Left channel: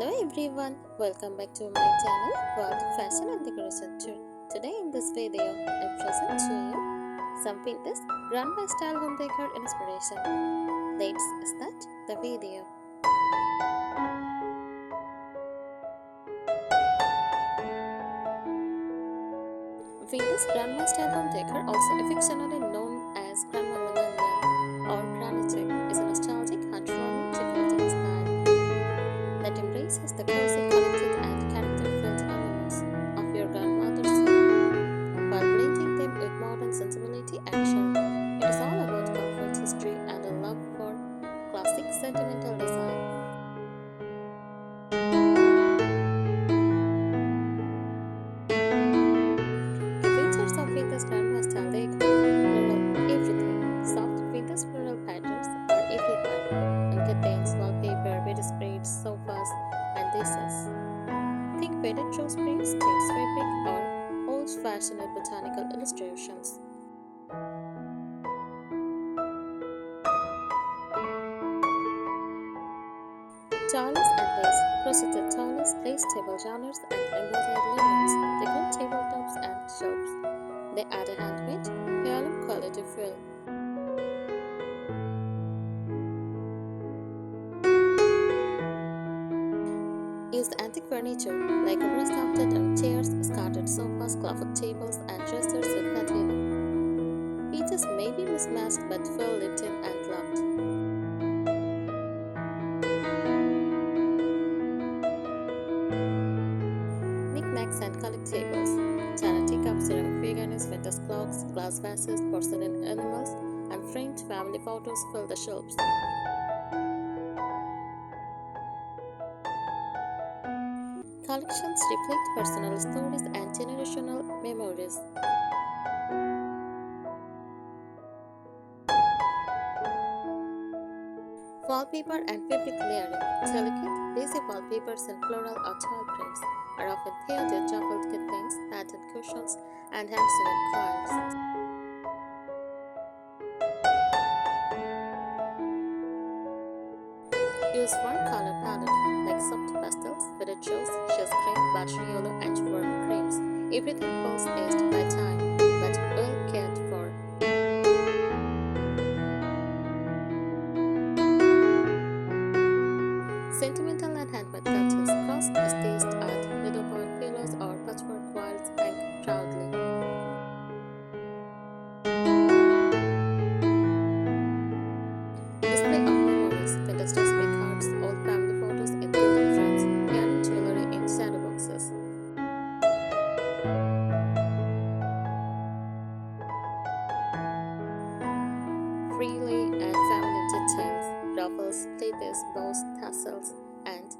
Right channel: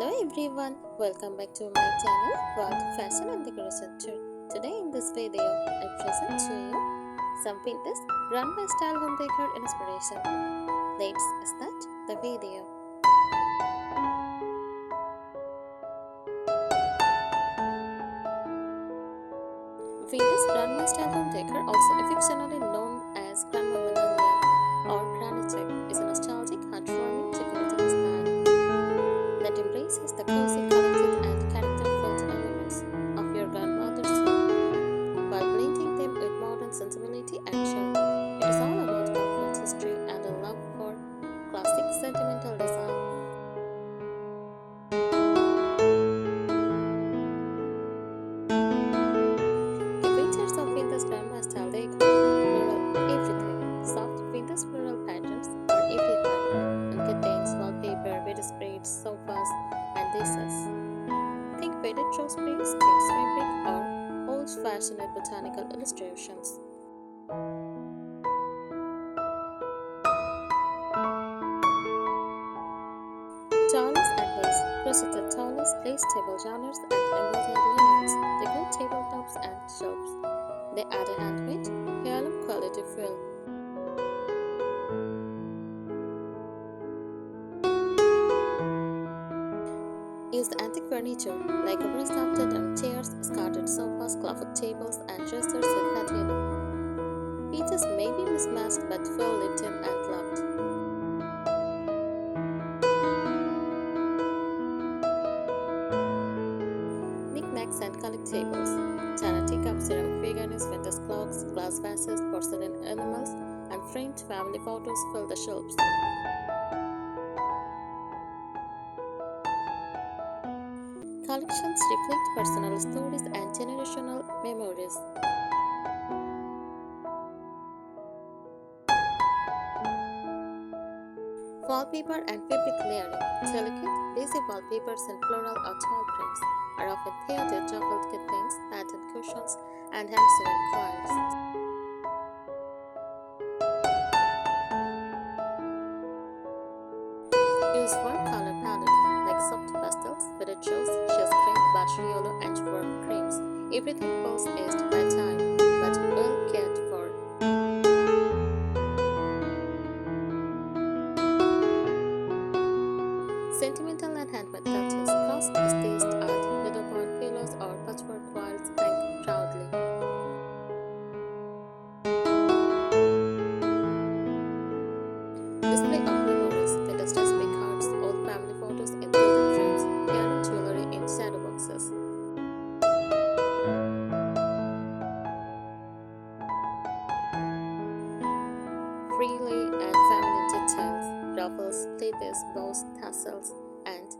Hello everyone, welcome back to my channel called Fashion and Decoration Tour. Today in this video, I present to you some vintage run by Style Home Decor Inspiration. Let's start the video. Vintage run by Style Home Decor, also affectionately known as Grandma Millennial or Granny Chic, is a nostalgic, heartwarming decorating style that embraces the cozy, collected, and character-filled elements of your grandmother's home, while blending them with modern sensibility and charm. It is all about comfort, history, and a love for classic, sentimental design. The features of vintage grandma style decor: floral everything. Soft vintage floral patterns are everywhere and contains wallpaper, bedspreads, sofas, and dishes. Think faded rose prints, tints fabric, or old-fashioned botanical illustrations. Talis and lace, crocheted talis, lace table runners, and embroidered linens decorate tabletops and shelves. They add a handmade, heirloom quality feel. Use antique furniture like overstuffed chairs, skirted sofas, cloth tables, and dressers with patina. Pieces may be mismatched but feel lived in and loved. Knickknacks and collectibles: china teacups, ceramic figurines, vintage clocks, glass vases, porcelain animals, and framed family photos fill the shelves. Collections reflect personal stories and generational memories. Wallpaper and fabric layering: delicate, lacy wallpapers in floral or tile prints are often paired with ruffled curtains, patterned cushions, and hand-sewn coils. Use one color palette like soft pastels, vivid rose, shears cream, buttery yellow, and warm creams. Everything feels aged by time, but well cared for. Sentimental and handmade touches: cross-stitched art, needlepoint pillows, or patchwork quilts hang proudly. Display of memories: vintage recipe cards, old family photos in gilded frames, heirloom jewelry in shadow boxes. Frilly and feminine details: ruffles, pleats, bows, tassels, and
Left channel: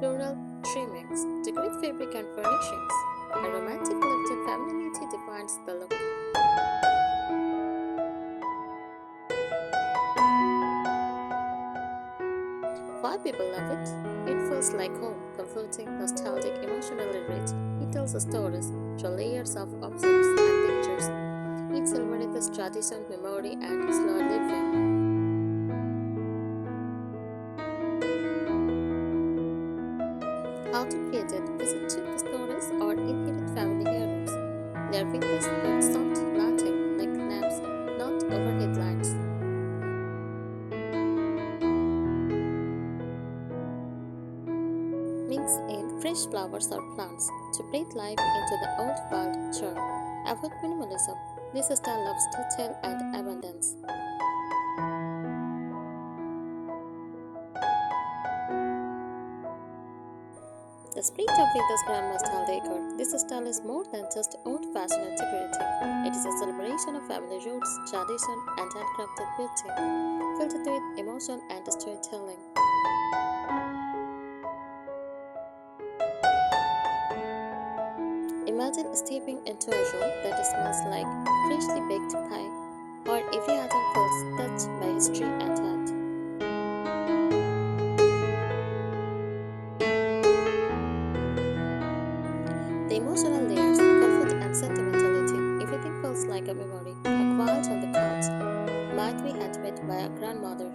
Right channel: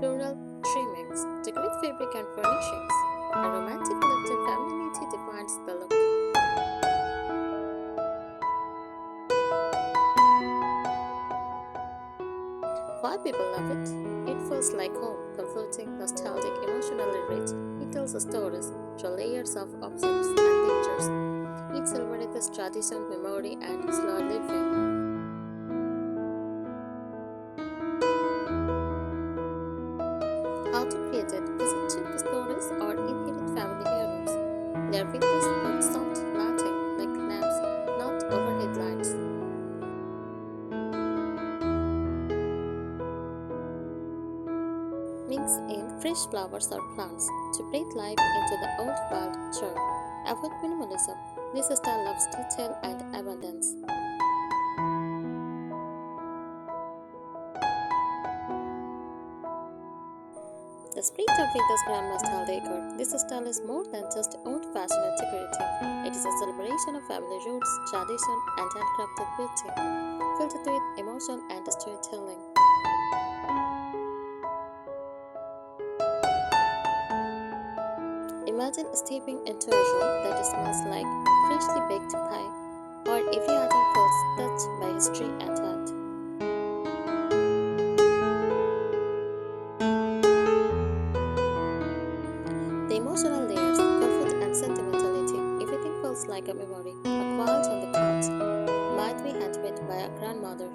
floral trimmings decorate fabric and furnishings. A romantic lifted femininity defines the look. Why people love it? It feels like home, comforting, nostalgic, emotionally rich. It tells stories through layers of objects and pictures. It celebrates tradition, memory, and slow living. How to create it: visit cheap stores or inherit family heirlooms. They are vintage with soft lighting like lamps, not overhead lights. Mix in fresh flowers or plants to breathe life into the old world charm. Avoid minimalism. This style loves detail and abundance. The spirit of vintage grandma style decor. This style is more than just old-fashioned decorating. It is a celebration of family roots, tradition, and handcrafted beauty, filled with emotion and storytelling. Imagine stepping into a room that smells like freshly baked pie, or every item feels touched by history and art. The emotional layers: comfort and sentimentality. Everything feels like a memory. A quilt on the couch might be handmade by a grandmother.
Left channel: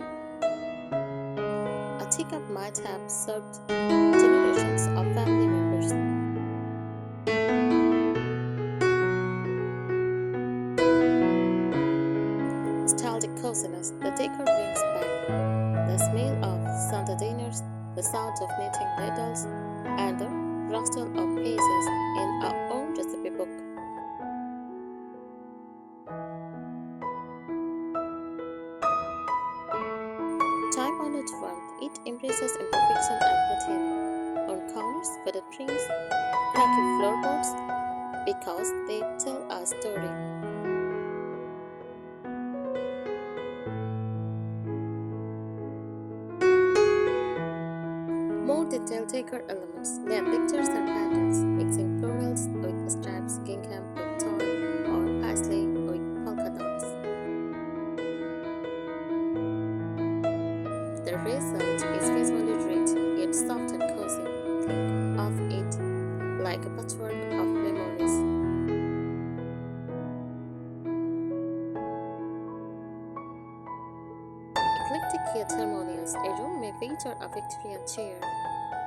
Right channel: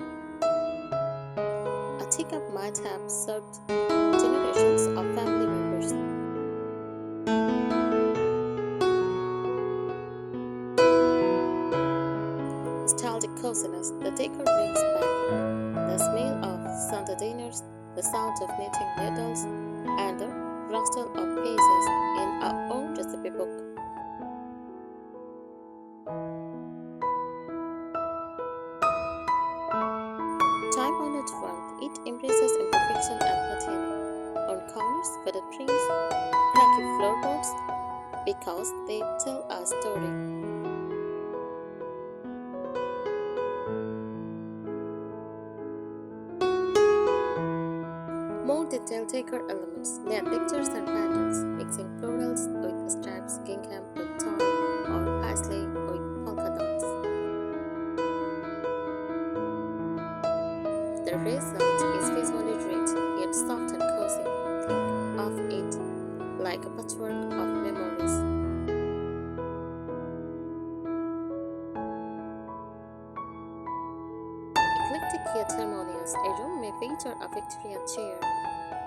A teacup might have served generations of family members. Nostalgic coziness, the decor brings back the smell of Sunday dinners, the sound of knitting needles, and the rustle of pages in our own recipe book. Time-honored warmth, it embraces imperfection and patina. On corners, faded prints, cracky floorboards, because they tell a story. More detailed decor elements, layered pictures and patterns, mixing florals with stripes, gingham with tile, or paisley with polka dots. The result is visually rich, yet soft and cozy. Think of it like a patchwork of memories. Eclectic yet harmonious, a room may feature a Victorian chair,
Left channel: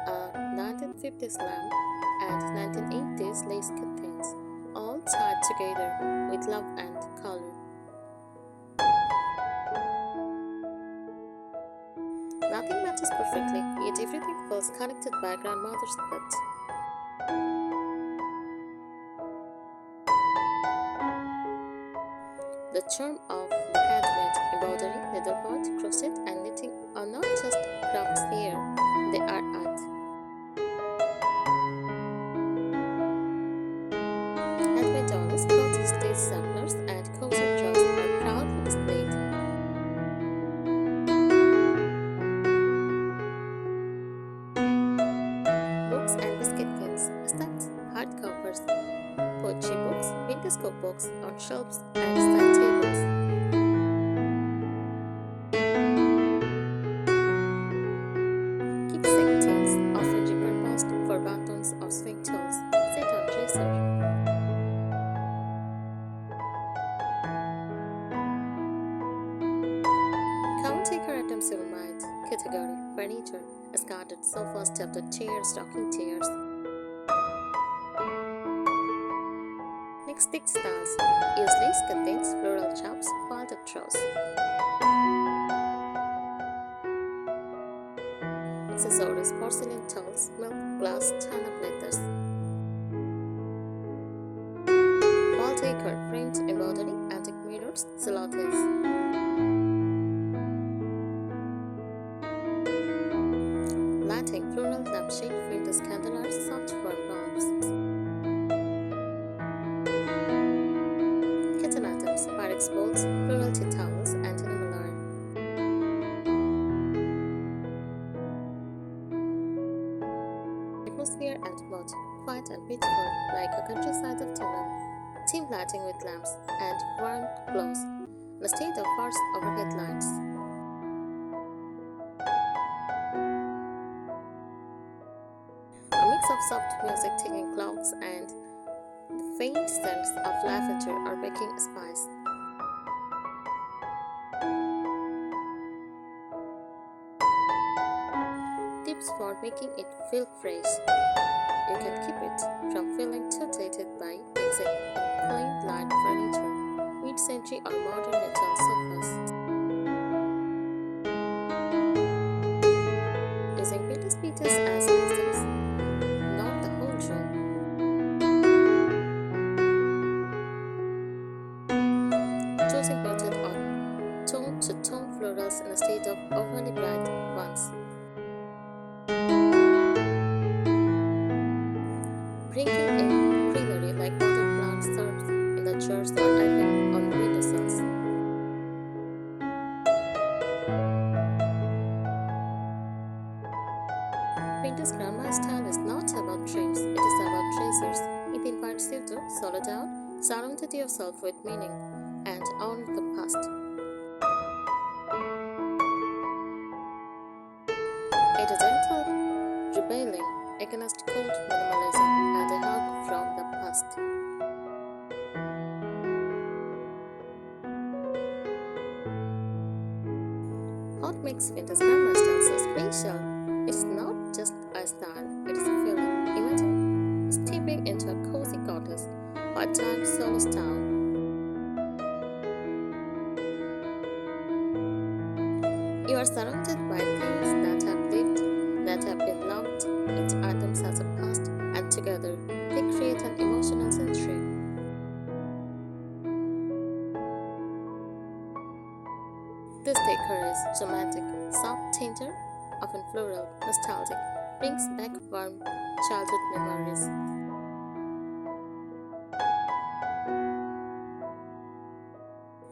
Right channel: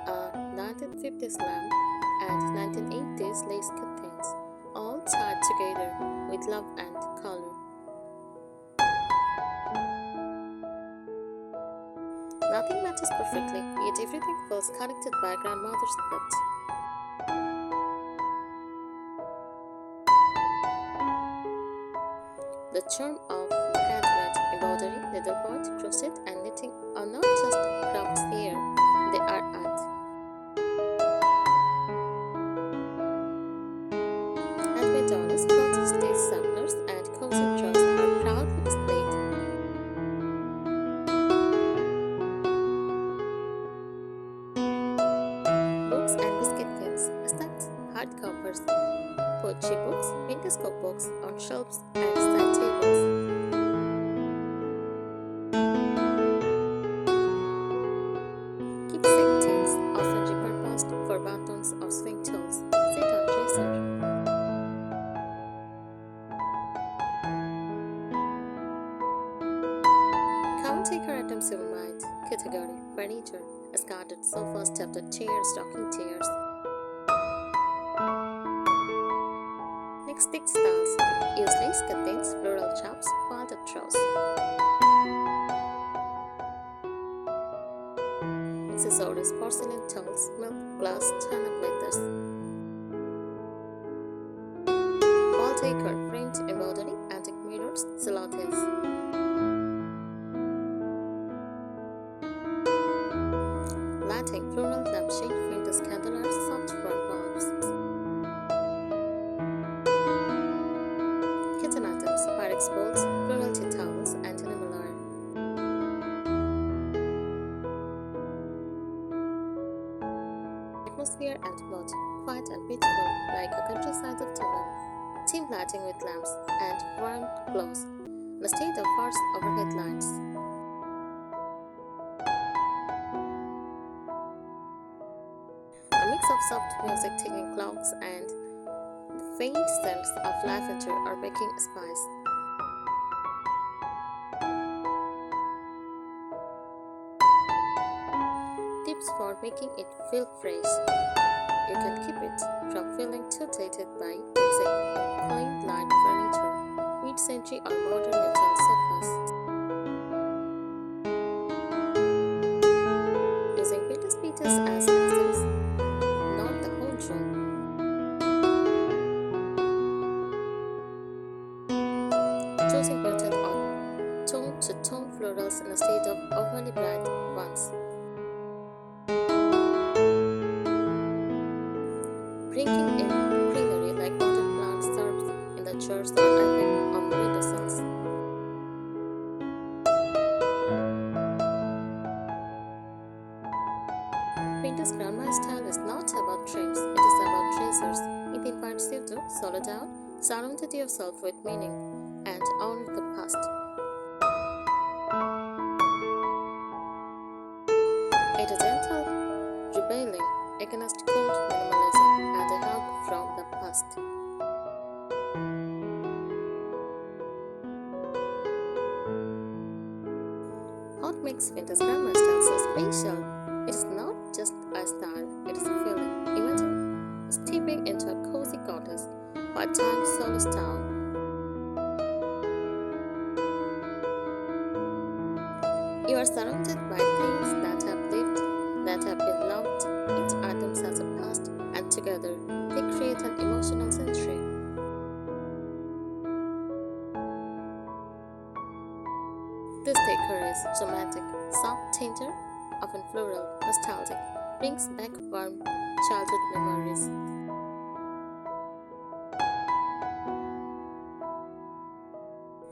a 1950s lamp, and 1980s lace curtains, all tied together with love and color. Nothing matches perfectly, yet everything feels connected by grandmother's touch. The charm of the handmade embroidery, needlepoint, crochet, and knitting are not just crafts here, they are art. Handmade dolls, crochet stitch samplers, and cozy drawers are proudly displayed. Books and biscuit tins, stacked hardcovers, poetry books, vintage cookbooks on shelves and side tables. Keepsake tins, often repurposed for buttons or swing tools, sit on dresser. Common decor items you might category furniture, scattered sofas, tilted chairs, rocking chairs. Next, textiles, use lace curtains, floral chops, quilted drawers. Accessories, porcelain towels, milk, glass, china platters. Wall decor, framed embroidery, antique mirrors, silhouettes. Lighting, floral lampshade, vintage candelabras, soft warm bulbs. Kitchen items, Pyrex bowls, floral tea towels, and animal art. Atmosphere and mood, quiet and peaceful, like a countryside afternoon. Team lighting with lamps and warm glows, instead of harsh overhead lights. A mix of soft music, ticking clocks, and the faint scents of lavender or baking spice. Tips for making it feel fresh. You can keep it from feeling too dated by mixing in clean, light furniture, mid-century or modern neutral sofas. Using vintage pieces as accents, not the whole room. Choosing printed or tone-to-tone florals instead of overly bright ones. Bringing in greenery like potted plants served in the jars or effect on windowsills. Vintage grandma style is not about trends, it is about treasures. It invites you to slow down, surround yourself with meaning, and honor the past. It is gentle rebelling against cold minimalism and a hug from the past. What makes vintage grandma style so special It is not just a style, it is a feeling. Imagine stepping into a cozy cottage, part-time solo style. You are surrounded by things that have lived, that have been loved. Each item has a past, and together they create an emotional century. This decor is romantic, soft, tender, often floral, nostalgic, brings back warm childhood memories.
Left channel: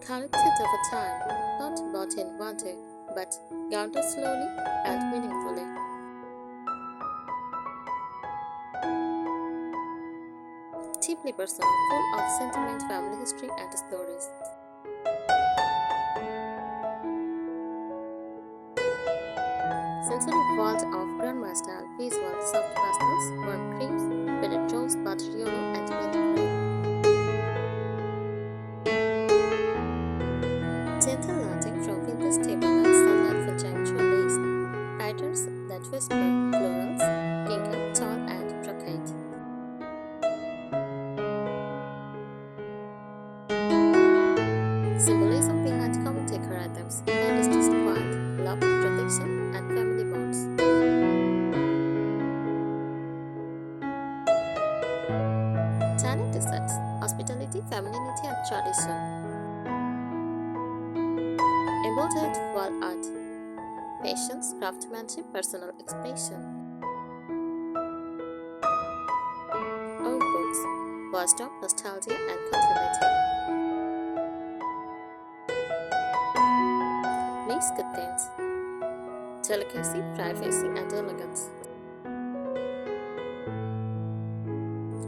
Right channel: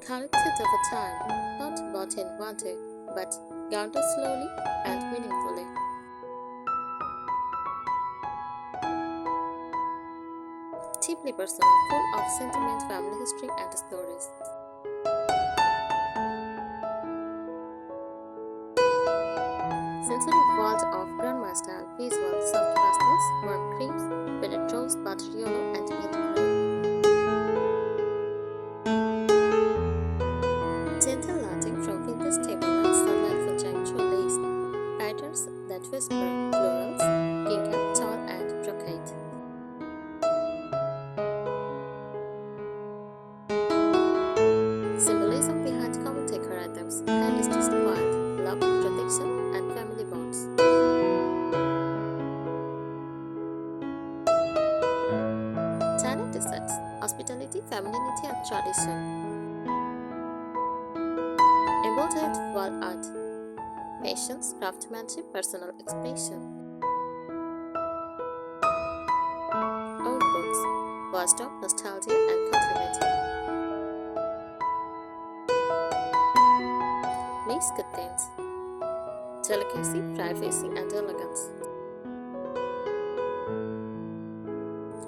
Collected over time, not bought in one day, but gathered slowly and meaningfully. Deeply personal, full of sentiment, family history, and stories. Sensory world of grandma style visual soft pastels, warm creams, faded rose, butter yellow, and mint green. Gentle lighting from vintage table lamps, sunlight filtering through lace, patterns that whisper, florals, gingham, tall, and brocade. Symbolism behind common decor items, hand is just quiet, love, protection, and family bonds. China desserts, hospitality, femininity, and tradition. Embodied wall art, patience, craftsmanship, personal expression. Old books, voiced of nostalgia and continuity. Lace curtains, delicacy, privacy, and elegance.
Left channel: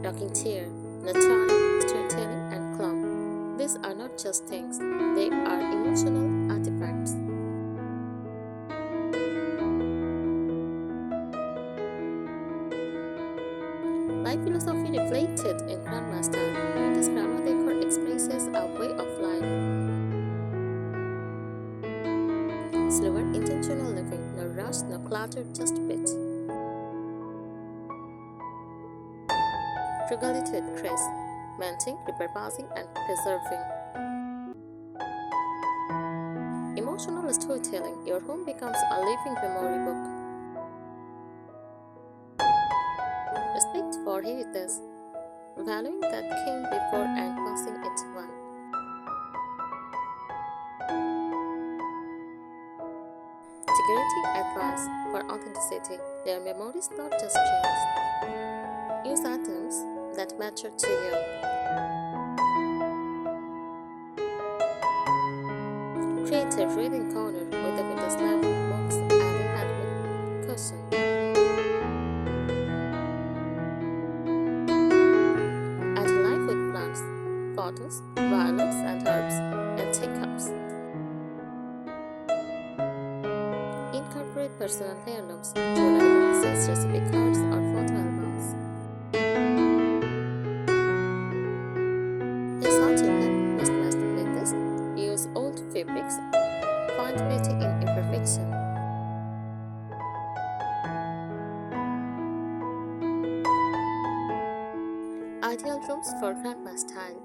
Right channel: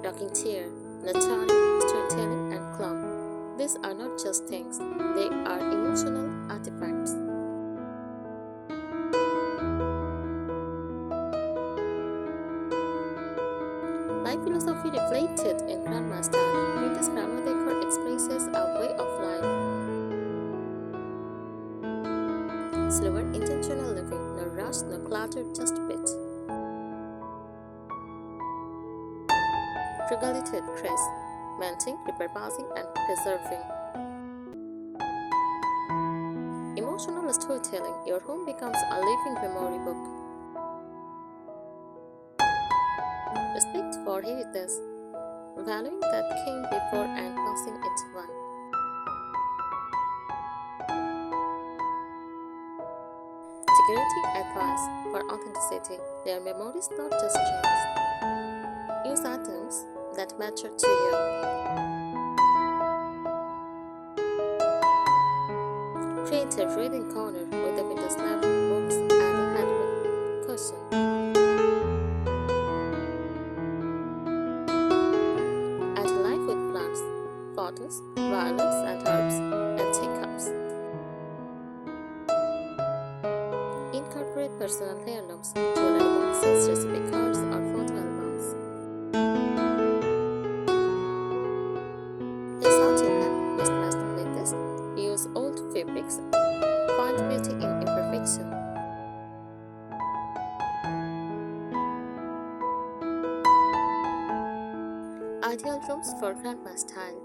Rocking chair, nurturing, storytelling, and calm. These are not just things, they are emotional artifacts. Life philosophy reflected in grandma style. Vintage grandma decor expresses a way of life. Slower, intentional living, no rush, no clutter, just bit. Frugality with grace, maintain, repurposing, and preserving. Emotional storytelling, your home becomes a living memory book. Respect for heritage, valuing that came before and passing it on. Security advice for authenticity, their memories not just trends. Use items that matter to you. Create a reading corner with a vintage library books and a handmade cushion. Add life with plants, photos, violets and herbs, and teacups. Incorporate personal heirlooms, jewelry boxes, recipe cards, or photo albums. Here's how to have mismatched playlists. Use old fabrics. Find beauty in imperfection. Ideal rooms for grandma style.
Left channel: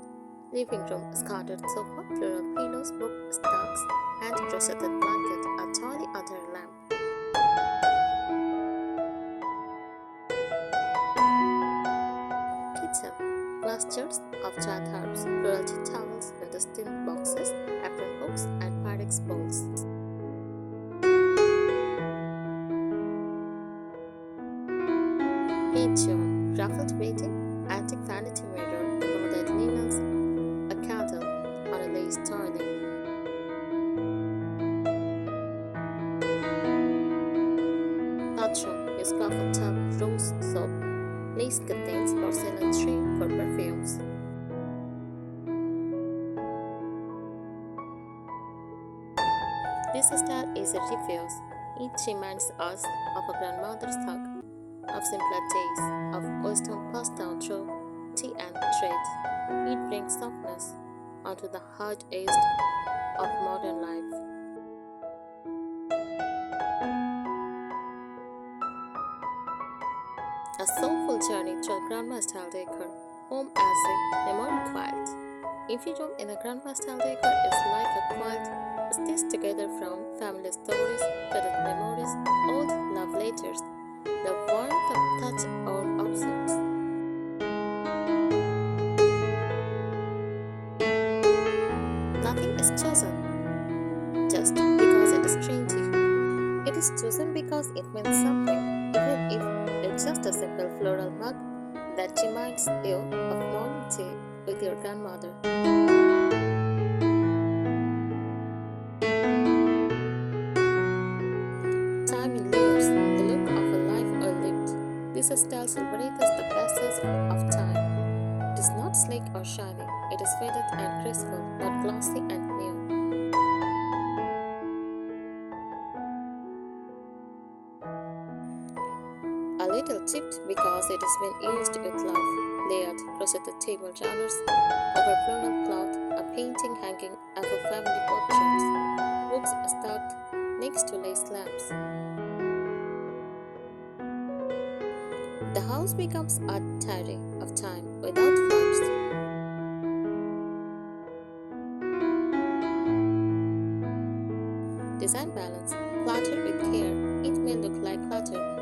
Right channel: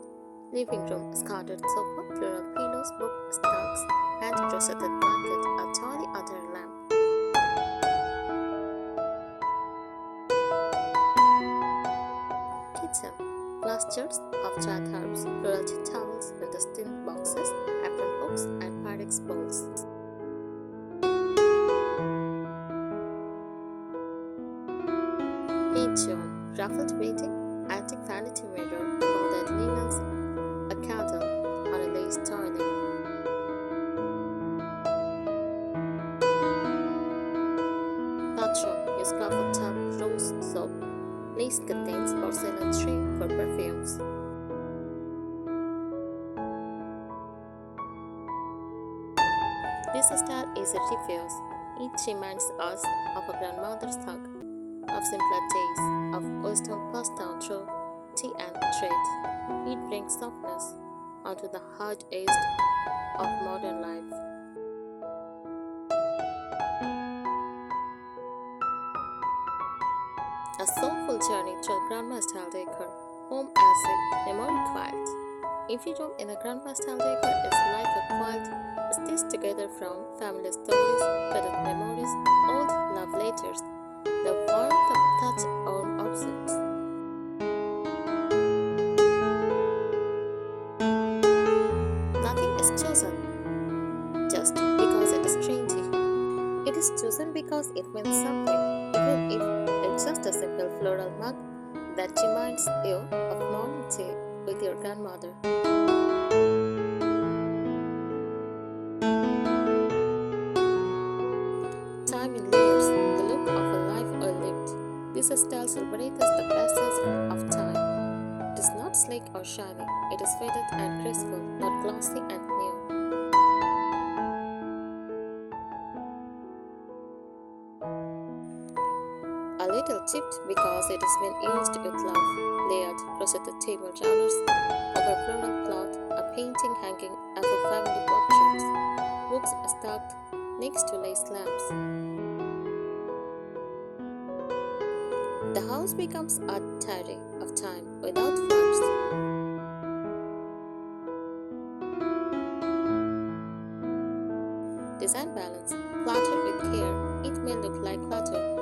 Living room, scattered sofa, floral pillows, book stacks, and crocheted blanket, a tiny under lamp. Kitchen, glass jars of dried herbs, floral tea towels, intestine boxes, apron hooks, and Pyrex bowls. Bedroom, ruffled bedding, antique vanity mirror, embroidered linens, a candle on a lace toilet. Bathroom, use cloth tub, rose soap, lace contains porcelain tray for perfumes. This style is a refuge. It reminds us of a grandmother's hug, of simpler days, of wisdom passed down through tea and thread. It brings softness onto the hard edge of modern life. A soulful journey through grandma style decor, home as a memory quilt. Every room in a grandma style decor is like a quilt stitched together from family stories, faded memories, old love letters, the warmth of touch on objects. Nothing is chosen just because it is trendy. It is chosen because it means something, even if it's just a simple floral mug that reminds you of morning tea with your grandmother. Time in layers, the look of a life well lived. This style celebrates the passage of time. It is not sleek or shiny, it is faded and graceful, not glossy and new. A little chipped because it has been used with love. Layered crocheted table runners over floral cloth, a painting hanging above family portraits, books stacked next to lace lamps. The house becomes a diary of time without words. Design balance, clutter with care. It may look like clutter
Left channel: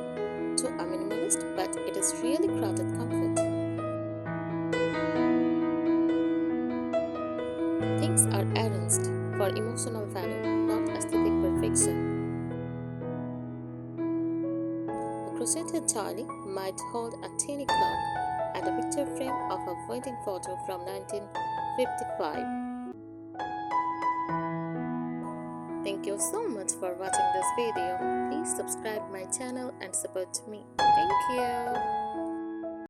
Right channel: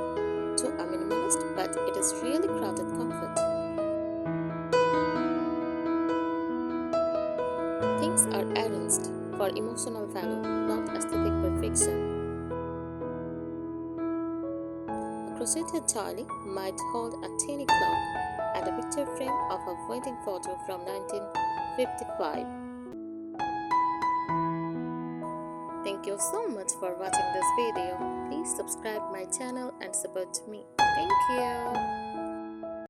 to a minimalist, but it is really crowded comfort. Things are arranged for emotional value, not aesthetic perfection. A crocheted dolly might hold a tiny clock and a picture frame of a wedding photo from 1955. Thank you so much for watching this video. Please subscribe my channel and support me. Thank you.